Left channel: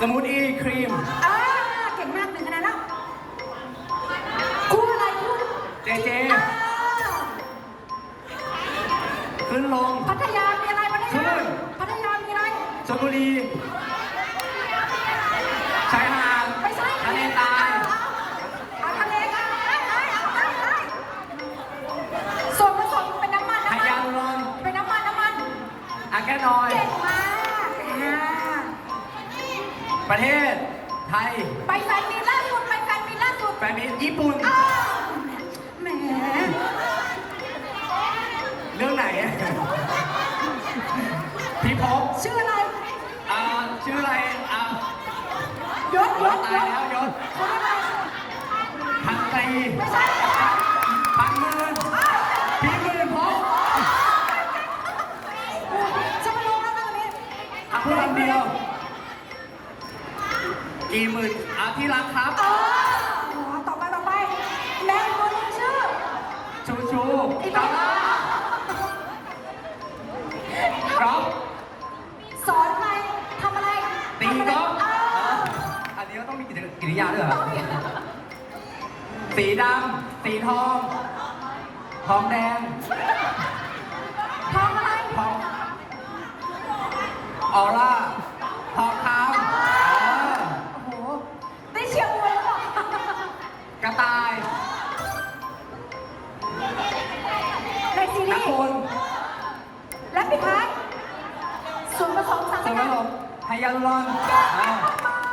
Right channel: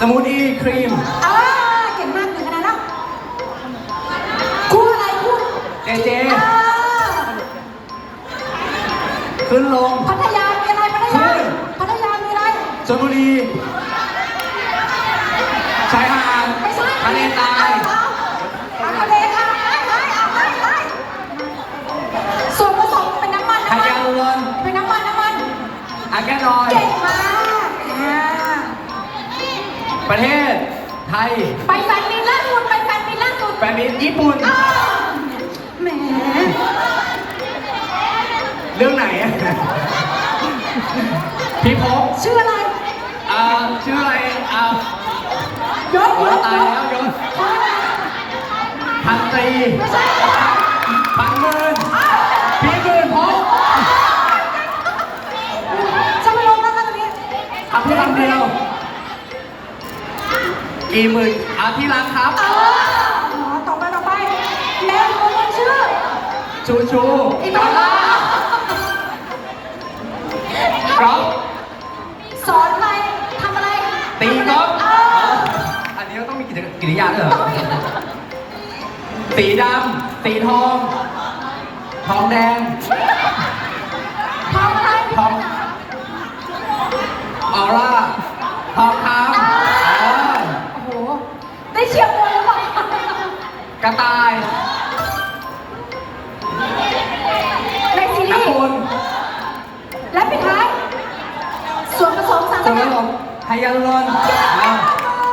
สมูทอีครีม อ่าเก่งมากหนึ่งคะแนนแล้วคู่อะไรคู่เจเจ อ่าขึ้นลง พัทยามีอะไรพัทขึ้ยานพัทยามีอะไร ชลบุรีชายหาดไม่ใช่ทะเลทรายเอาทะเลค่ะได้ได้เอาได้ได้ส่วนผสมเป็นน้ำมันไฮน้ำมัยานลูรอนเป็นน้ำมันน้ำมันอาแกนรอย เก่งม ประเทศไทย ไปแฟนมีล่าสุดไปแฟนมีล่าสุดแฟนมิตรญี่ปุ่น อ้าวแหมเรื่องไหนอะพี่พบชื่ออะไรอ่าชื่ออะไรอ่ายศโอ้ยศตายแล้วยศเพราะอะไรพันตรีไม่ใช่พันหมื่นพี่หมื่นพบจะไม่ลงแล้วนะตรงนี้คำพูดคำเดียว กี่หมื่นเอาที่รักครับอ๋อต่อไปต่อไปแม่คนนี้ชื่อ ชูชูอีกแล้วเหรอก๊อฟสอนอะไรทำอะไรตีก๊อฟเอออันนี้เราต้องมีกิจกิริยาด้วยเหรต้อองมีสีดำสีทอง ทองแดงทำอะไรทองออร่า ระต่ายในซีรีนักส์บุญและปิดท้ายส่วนผสมสารส่วนผสสมไฮยาลูรอนอ่ากัด